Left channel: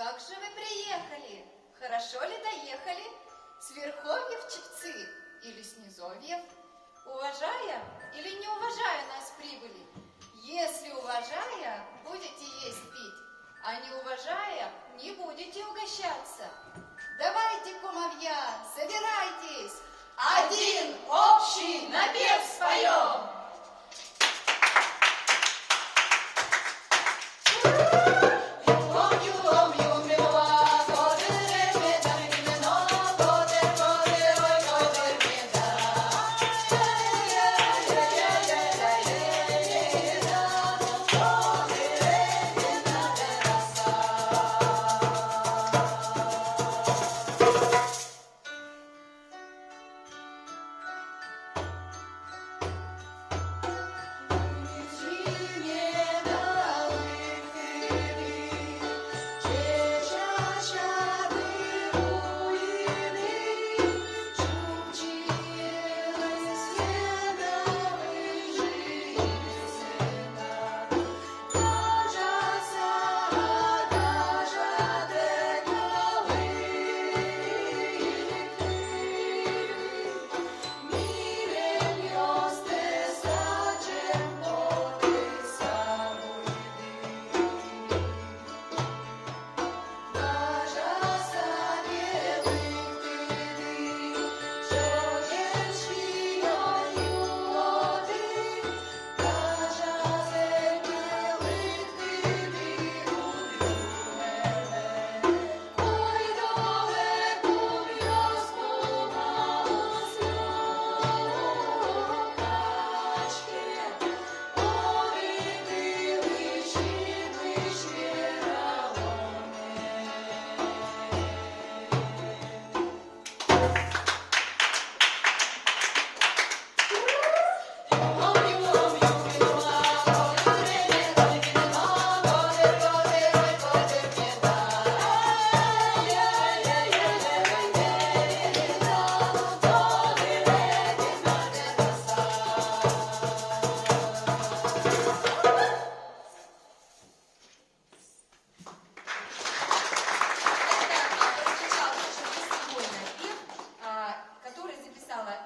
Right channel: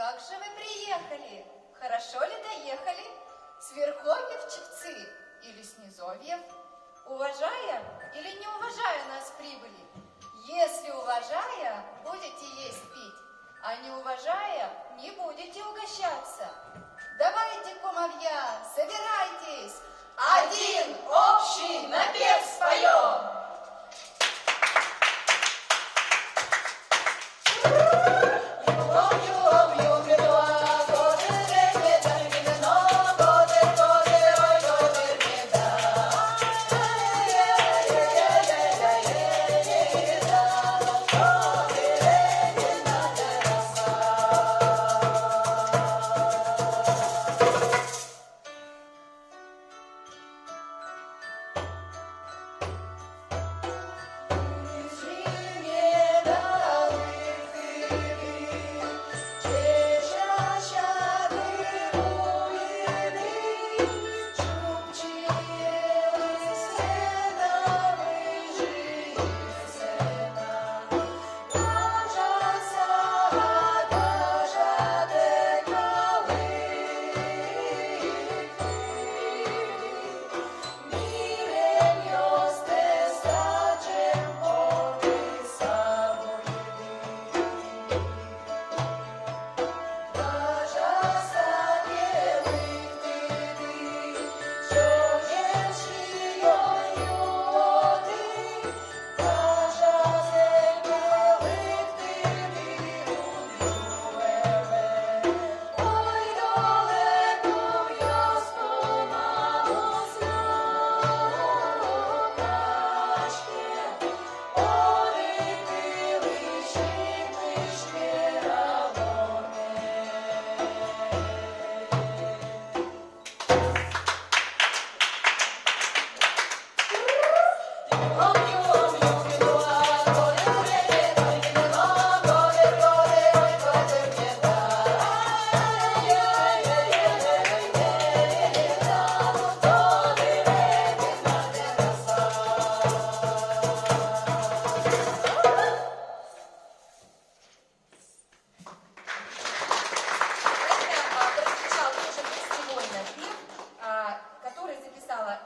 Как же вы приехали? Хорошо ли доехали? С верховьев Чепцы или с низовьев? Уважая или не уважая нас прибыли? Если уважая, будете есть пить, а не уважая, не будете угощаться. Давайте, кумовья, собирайтесь, один общий напев споем.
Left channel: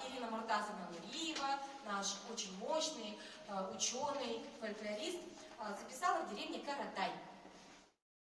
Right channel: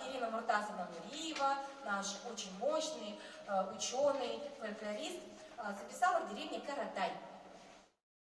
Ирина Муртазовна-Нуриева, наш очень мощный ученый, фольклорист, записала в деревне Каратай.